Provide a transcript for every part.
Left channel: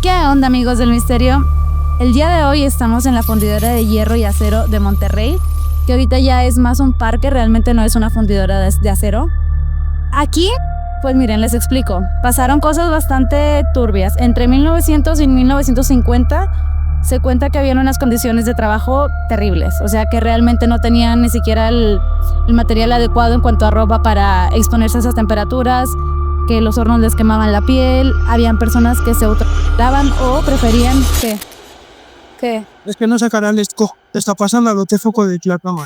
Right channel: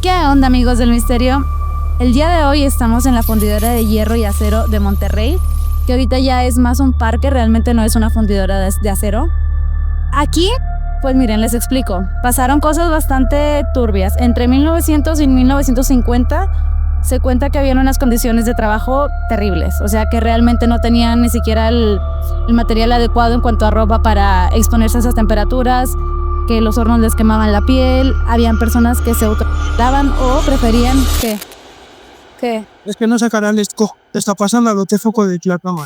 ¿Qué onda, amigos del misterio? El día de hoy estamos en la fundidora de hierro y acero de Monterrey, que ahorita ya es más un parque, realmente no es una fundidora de acero. Aquí, pues miren, les explico. Pasaron cosas bastante turbias. Entre 1900 y 1950 se cuenta que habían unas condiciones de trabajo terribles, o sea que realmente no tenían ni siquiera el material adecuado en cuanto a ropa para exponerse a esas temperaturas, que los hornos les quemaban la piel, habían personas que se autolavan o preferían que Es que no sacará el esco. Te está pasando lo te foco de la cama.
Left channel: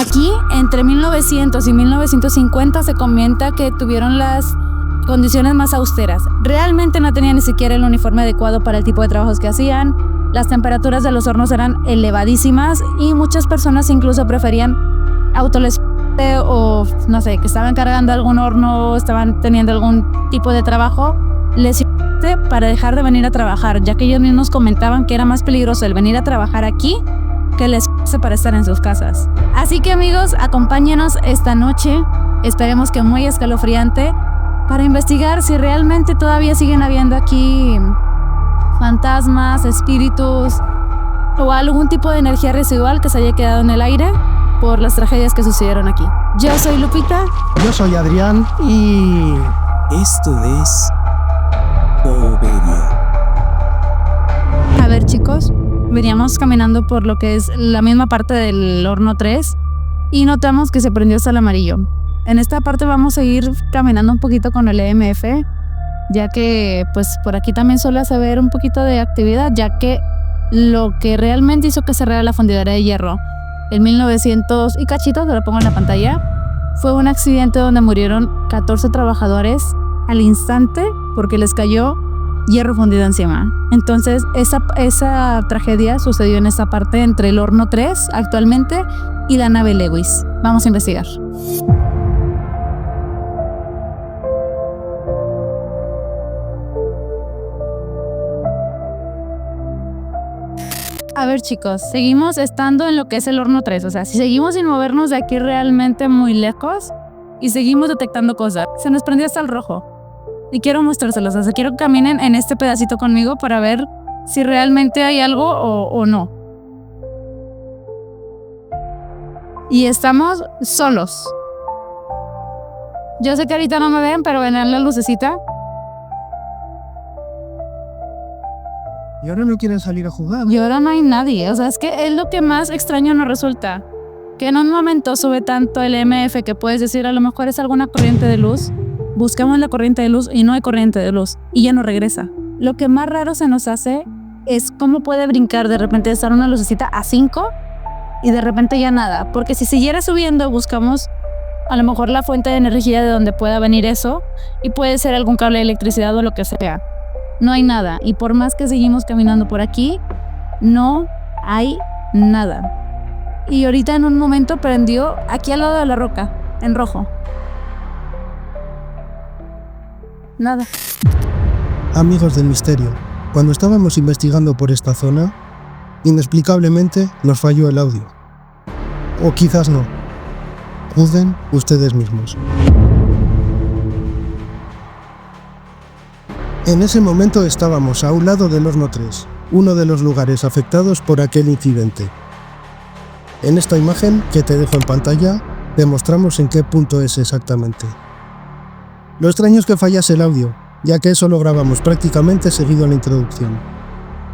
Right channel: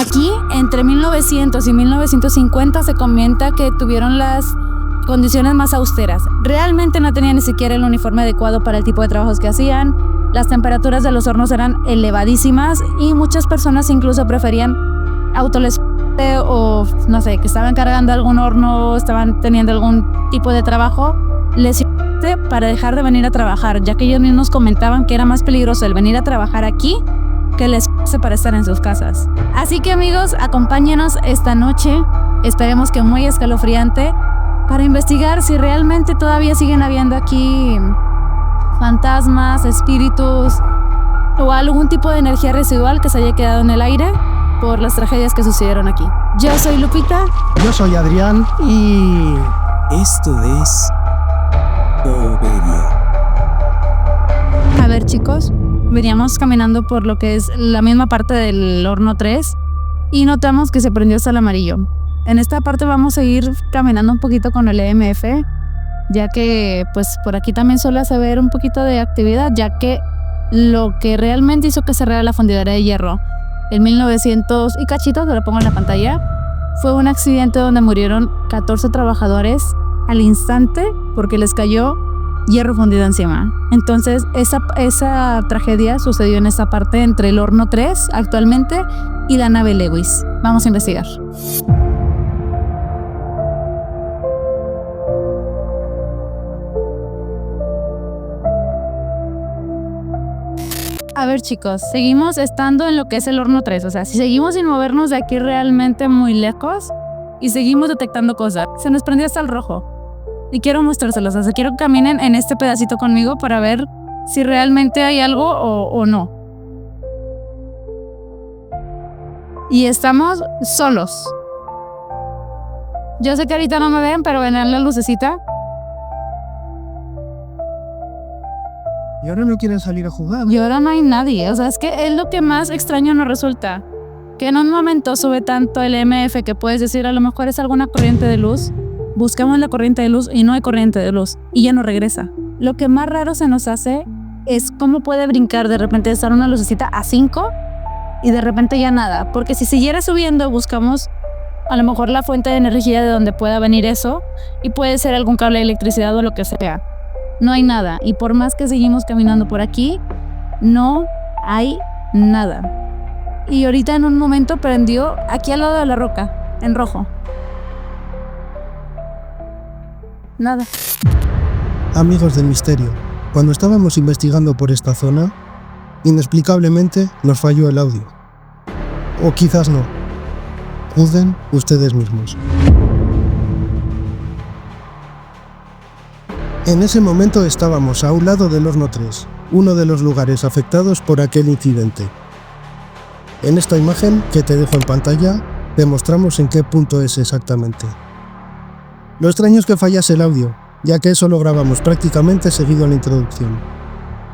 aquí entre 1900 y 1950 se comenta que tuvieron las condiciones más austeras. Realmente no tenían ni siquiera el uniforme adecuado para el tipo de trabajos que hacían. Las temperaturas de los hornos eran elevadísimas y muchas personas incluso preferían autoles o no sé, que estaban cargando algún horno, estaban teniendo algún tipo de trabajo, les para dejar de venir a trabajar, ya que ellos mismos comentaban que era más peligroso el venir a trabajar aquí que les para estar en sus casas. Así que amigos, acompáñenos esta noche, esperemos que muy escalofriante, para investigar si realmente todavía siguen habiendo aquí fantasmas, espíritus o algún tipo de energía residual que se haya quedado en el aire por las tragedias que sucedieron aquí. Yo soy Lupita. Yo soy Adrián y... Esto es Obedia. A ver, chicos, veníamos caminando por lo que es la misma parte del horno 3 y notamos que se prendió hasta el amarillo. En esta parte vamos a ir caminando un poquito con el EMF, ya que pues por aquí también suele haber un poquito de actividad, ya que lo que realmente hizo que cerrara la fundidora de hierro en 1900 y cachito, te lo pongo en la pantalla, fue un accidente donde murieron 14 trabajadores al instante porque les cayó hierro fundido encima. Entonces esa tragedia sucedió en esta parte entre el horno 3 actualmente y la nave Lewis. Vamos a investigar. A ver, chicos, seguimos estando en lo que es el horno 3, o sea, si seguimos sin movernos de aquí realmente muy lejos y seguimos detectando cosas, se nos prendió hasta el rojo. Y quiero mostrárselos, o sea, quiero que caminen en este pedacito conmigo para ver si realmente hay algo o no. Y estamos solos. Yo sé que ahorita no me ven, pero ven la lucecita. Y ahora no quieren salir a jugar. Y ahora no hay nadie, o sea, es que es lo que más extraño nos resulta. Que en un momento sube tanto el EMF que puedes decir a lo mejor es alguna corriente de luz. Buscamos la corriente de luz y no hay corriente de luz y ya no regresa. Lo que más raro se nos hace es cómo puede brincar de repente de estar una lucecita a 5 y de repente ya nada. Porque si siguiera subiendo buscamos a lo mejor la fuente de energía de donde pueda venir eso y puede ser algún cable de electricidad o lo que sea. No hay nada y por más que seguimos caminando por aquí, no hay nada. Y ahorita en un momento prendió aquí al lado de la roca, en rojo. Nada. Amigos del misterio, cuando estábamos investigando por esta zona, inexplicablemente nos falló el audio. O quizás no. Juzguen ustedes mismos. En ese momento estábamos a un lado del horno 3, uno de los lugares afectados por aquel incidente. En esta imagen que te dejo en pantalla, te mostramos en qué punto es exactamente. Lo extraño es que fallase el audio, ya que eso lo grabamos prácticamente seguido a la introducción.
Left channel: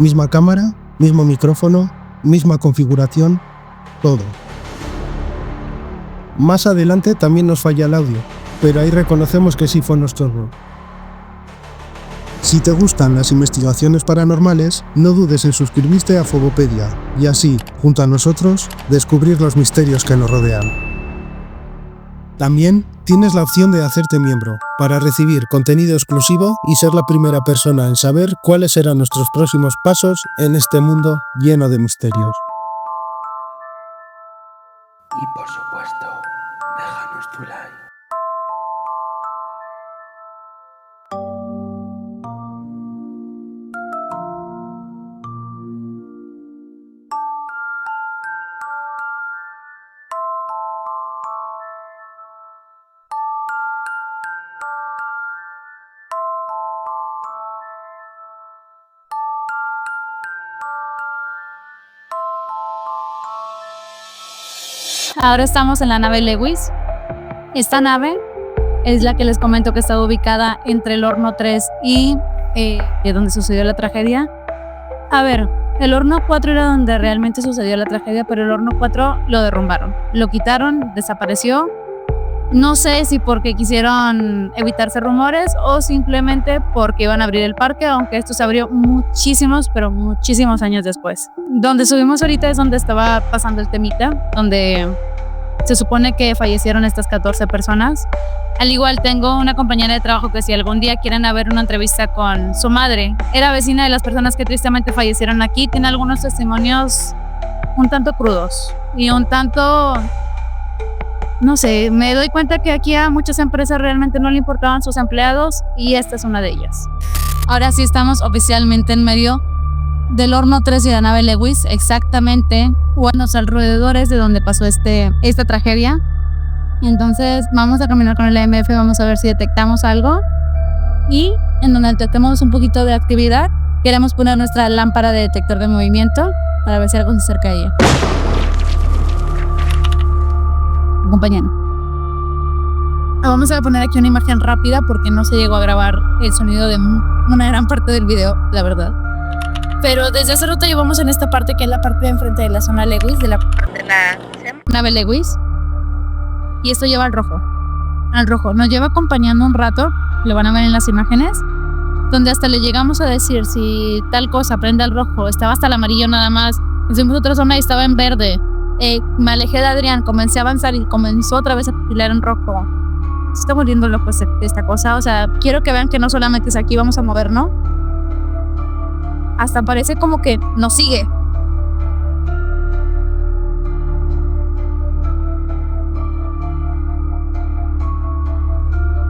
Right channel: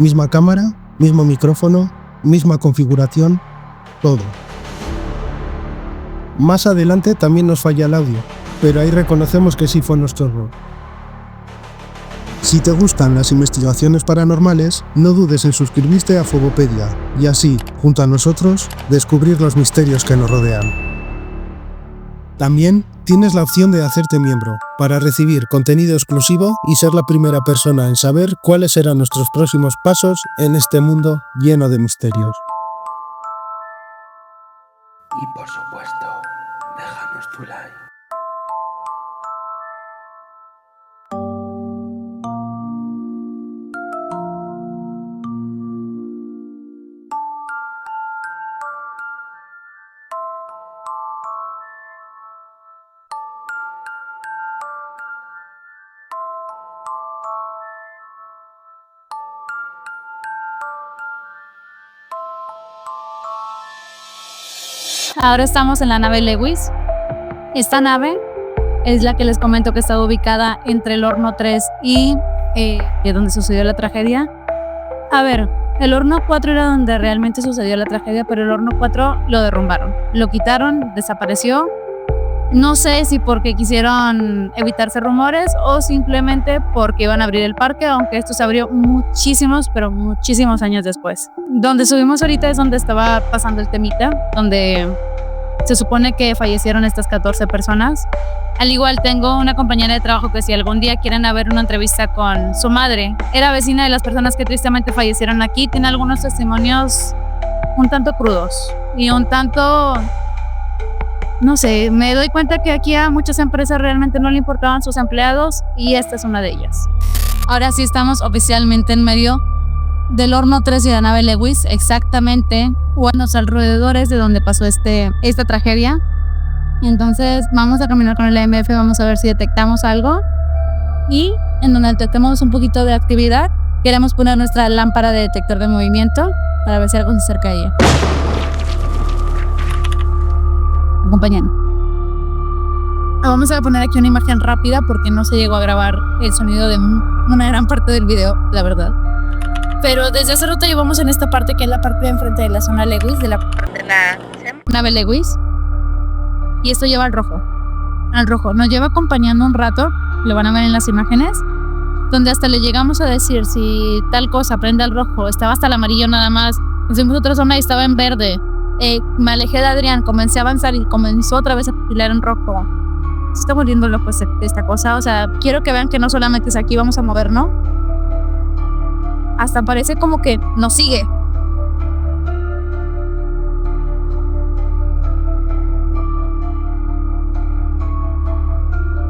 Misma cámara, mismo micrófono, misma configuración, todo. Más adelante también nos falla el audio, pero ahí reconocemos que sí fue nuestro error. Si te gustan las investigaciones paranormales, no dudes en suscribirte a Fobopedia y así, junto a nosotros, descubrir los misterios que nos rodean. También tienes la opción de hacerte miembro para recibir contenido exclusivo y ser la primera persona en saber cuáles serán nuestros próximos pasos en este mundo lleno de misterios. Y por supuesto, déjanos tu like. Ahora estamos en la nave Lewis. Esta nave es la que les comento que está ubicada entre el horno 3 y donde sucedió la tragedia. A ver, el horno 4 era donde realmente sucedió la tragedia, pero el horno 4 lo derrumbaron. Lo quitaron, desapareció. No sé si porque quisieron evitarse rumores o simplemente porque iban a abrir el parque, aunque esto se abrió muchísimos, pero muchísimos años después. Donde subimos ahorita es donde estaba pasando el temita, donde se supone que fallecieron estas 14 personas. Al igual tengo una compañera de trabajo que si algún día quieren haber una entrevista con su madre, era vecina de las personas que tristemente fallecieron aquí, tiene algunos testimonios un tanto crudos y un tanto... No sé, me doy cuenta que aquí a muchas empresas realmente no le importaban sus empleados y esta es una de ellas. Ahora sí estamos oficialmente en medio del horno 3 y la nave Lewis, exactamente o en los alrededores de donde pasó esta tragedia. Entonces vamos a caminar con el EMF, vamos a ver si detectamos algo y en donde detectemos un poquito de actividad queremos poner nuestra lámpara de detector de movimiento para ver si algo se acerca a ella. Acompáñanos. Vamos a poner aquí una imagen rápida porque no se llegó a grabar el sonido de una gran parte del video, la verdad. Pero desde hace rato llevamos en esta parte que es la parte de enfrente de la zona Lewis, de la nave Lewis. Y esto lleva al rojo. Al rojo. Nos lleva acompañando un rato, lo van a ver en las imágenes, donde hasta le llegamos a decir si tal cosa prende al rojo, estaba hasta el amarillo nada más. Nos fuimos a otra zona y estaba en verde. Me alejé de Adrián, comencé a avanzar y comenzó otra vez a pilar en rojo. Se está muriendo loco esta cosa. O sea, quiero que vean que no solamente es aquí, vamos a mover, ¿no? Hasta parece como que nos sigue.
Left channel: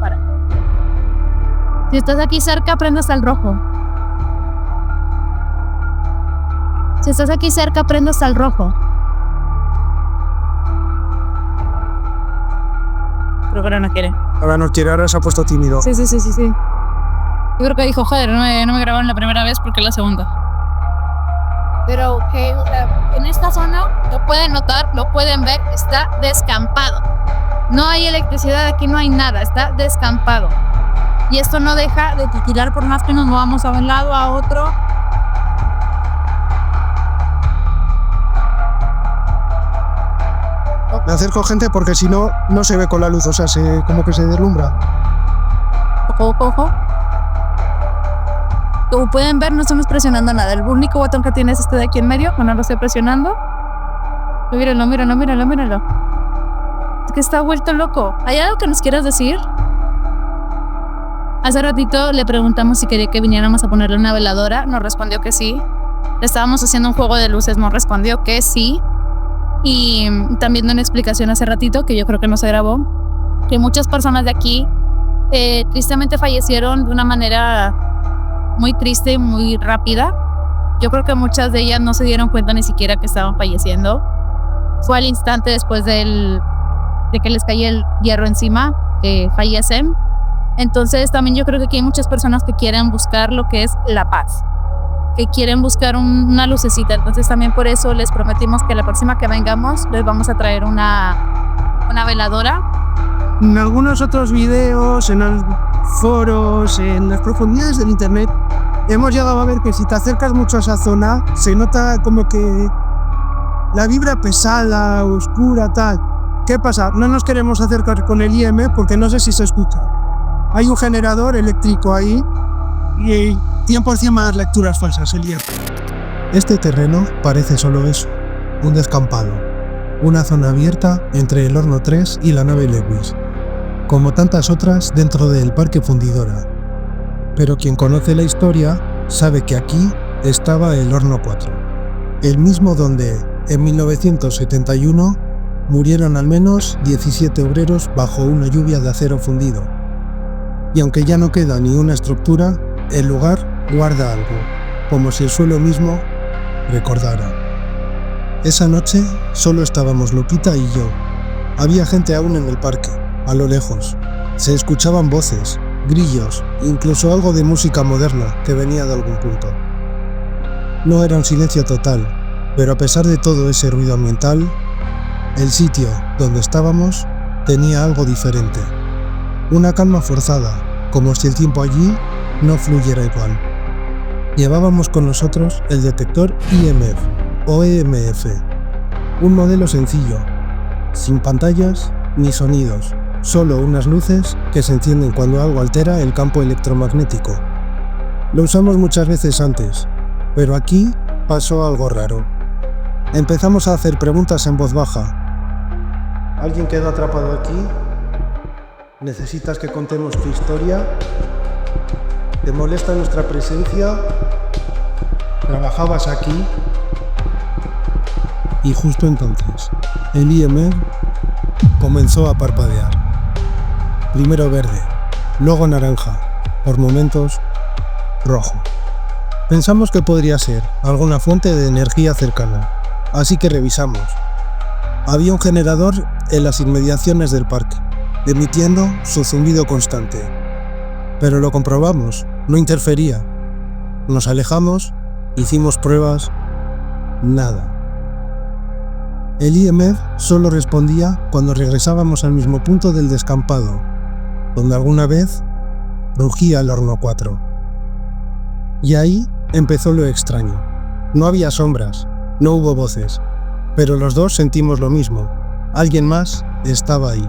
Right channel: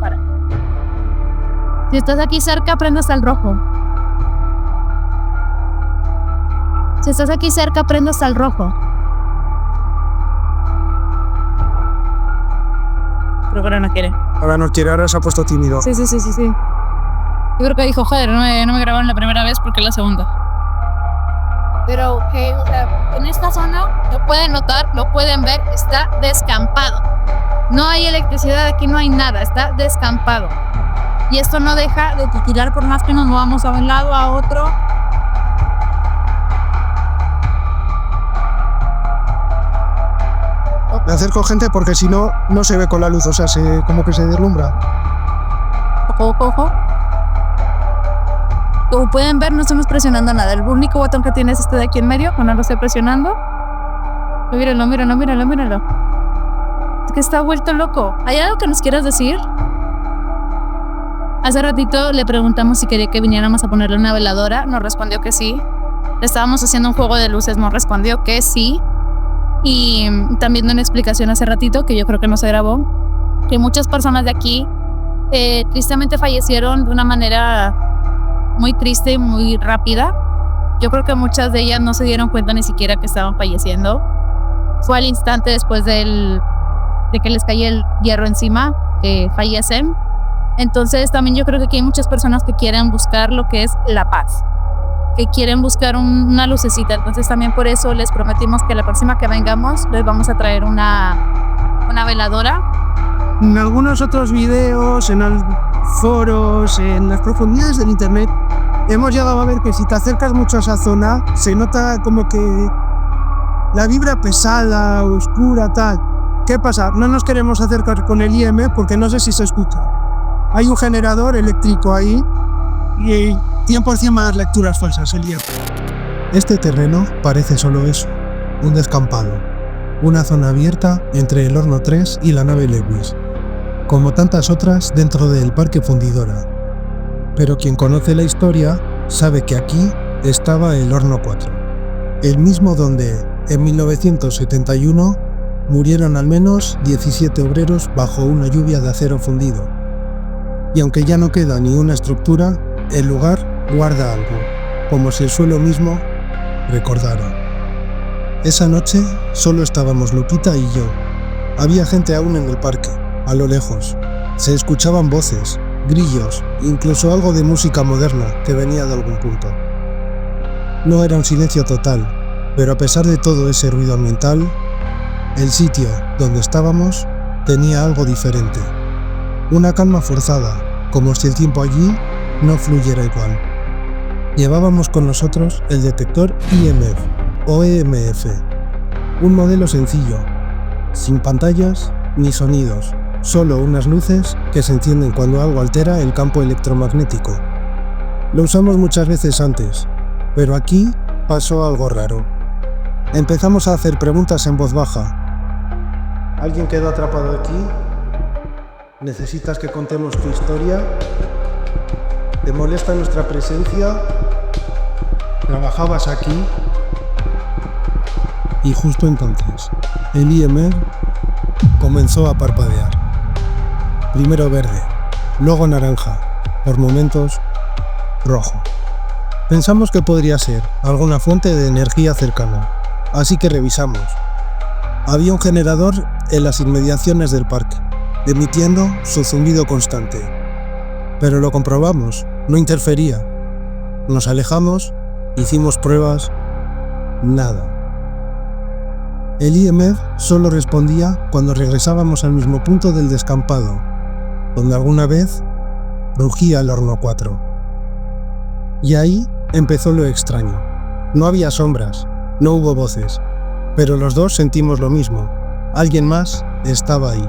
Para. Si estás aquí cerca, prende hasta el rojo. Si estás aquí cerca, prende hasta el rojo. Creo que ahora no quiere. Ahora no quiere, ahora se ha puesto tímido. Sí. Yo creo que dijo, joder, no me grabaron la primera vez porque es la segunda. Pero o sea, en esta zona, lo pueden notar, lo pueden ver, está descampado. No hay electricidad, aquí no hay nada, está descampado. Y esto no deja de titilar por más que nos movamos a un lado, a otro. Me acerco, gente, porque si no, no se ve con la luz, o sea, como que se deslumbra. Ojo. Como pueden ver, no estamos presionando nada. El único botón que tiene es este de aquí en medio, cuando lo estoy presionando. Míralo. Es que está vuelto loco. ¿Hay algo que nos quieras decir? Hace ratito le preguntamos si quería que viniéramos a ponerle una veladora. Nos respondió que sí. Le estábamos haciendo un juego de luces, nos respondió que sí. Y también de una explicación hace ratito, que yo creo que no se grabó, que muchas personas de aquí tristemente fallecieron de una manera muy triste y muy rápida. Yo creo que muchas de ellas no se dieron cuenta ni siquiera que estaban falleciendo. Fue al instante después de que les caía el hierro encima que fallecen. Entonces también yo creo que aquí hay muchas personas que quieren buscar lo que es la paz, que quieren buscar una lucecita. Entonces también por eso les prometimos que la próxima que vengamos les vamos a traer una veladora. En algunos otros videos, en los foros, en las profundidades del internet, hemos llegado a ver que si te acercas mucho a esa zona, se nota como que la vibra pesada, oscura, tal. ¿Qué pasa? No nos queremos acercar con el IM porque no sé si se escucha. Hay un generador eléctrico ahí y 100% más lecturas falsas, el IM. Este terreno parece solo eso, un descampado, una zona abierta entre el horno 3 y la nave Lewis, como tantas otras dentro del Parque Fundidora. Pero quien conoce la historia sabe que aquí estaba el horno 4, el mismo donde, en 1971, murieron al menos 17 obreros bajo una lluvia de acero fundido. Y aunque ya no queda ni una estructura, el lugar guarda algo, como si el suelo mismo recordara. Esa noche solo estábamos Lupita y yo. Había gente aún en el parque, a lo lejos. Se escuchaban voces, grillos, incluso algo de música moderna que venía de algún punto. No era un silencio total, pero a pesar de todo ese ruido ambiental, El sitio donde estábamos tenía algo diferente. Una calma forzada, como si el tiempo allí no fluyera igual. Llevábamos con nosotros el detector IMF o EMF, un modelo sencillo, sin pantallas ni sonidos, solo unas luces que se encienden cuando algo altera el campo electromagnético. Lo usamos muchas veces antes, pero aquí pasó algo raro. Empezamos a hacer preguntas en voz baja. ¿Alguien quedó atrapado aquí? ¿Necesitas que contemos tu historia? ¿Te molesta nuestra presencia? ¿Trabajabas aquí? Y justo entonces, el IMF comenzó a parpadear. Primero verde, luego naranja, por momentos rojo. Pensamos que podría ser alguna fuente de energía cercana, así que revisamos. Había un generador en las inmediaciones del parque, emitiendo su zumbido constante. Pero lo comprobamos, no interfería. Nos alejamos, hicimos pruebas, nada. El IMF solo respondía cuando regresábamos al mismo punto del descampado, donde alguna vez rugía el horno 4. Y ahí empezó lo extraño. No había sombras, no hubo voces, pero los dos sentimos lo mismo. Alguien más estaba ahí.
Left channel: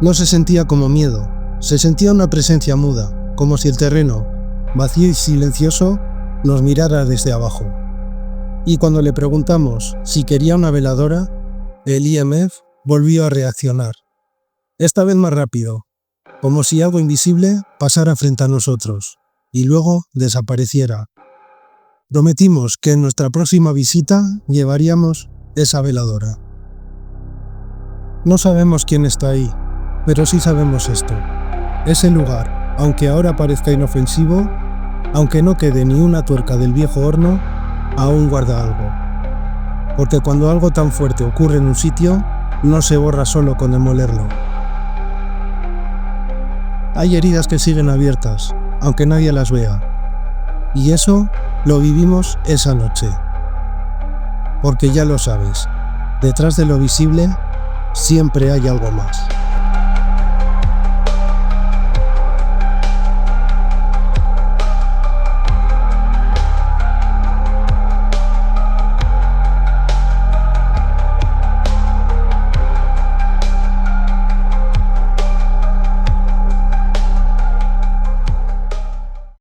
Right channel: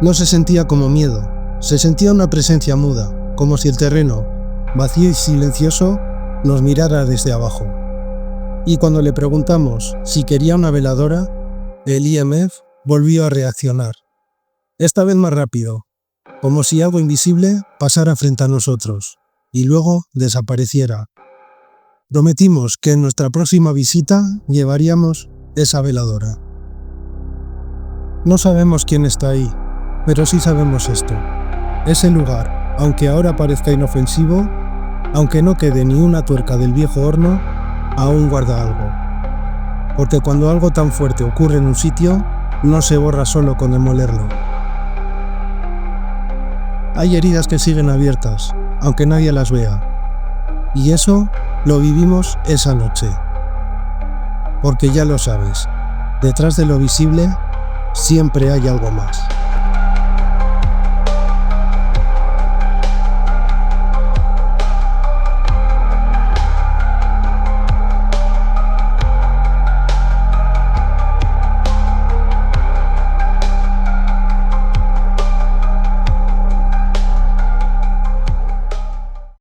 No se sentía como miedo, se sentía una presencia muda, como si el terreno, vacío y silencioso, nos mirara desde abajo. Y cuando le preguntamos si quería una veladora, el IMF volvió a reaccionar. Esta vez más rápido, como si algo invisible pasara frente a nosotros, y luego desapareciera. Prometimos que en nuestra próxima visita llevaríamos esa veladora. No sabemos quién está ahí, pero sí sabemos esto. Ese lugar, aunque ahora parezca inofensivo, aunque no quede ni una tuerca del viejo horno, aún guarda algo. Porque cuando algo tan fuerte ocurre en un sitio, no se borra solo con demolerlo. Hay heridas que siguen abiertas, aunque nadie las vea. Y eso lo vivimos esa noche. Porque ya lo sabes, detrás de lo visible siempre hay algo más.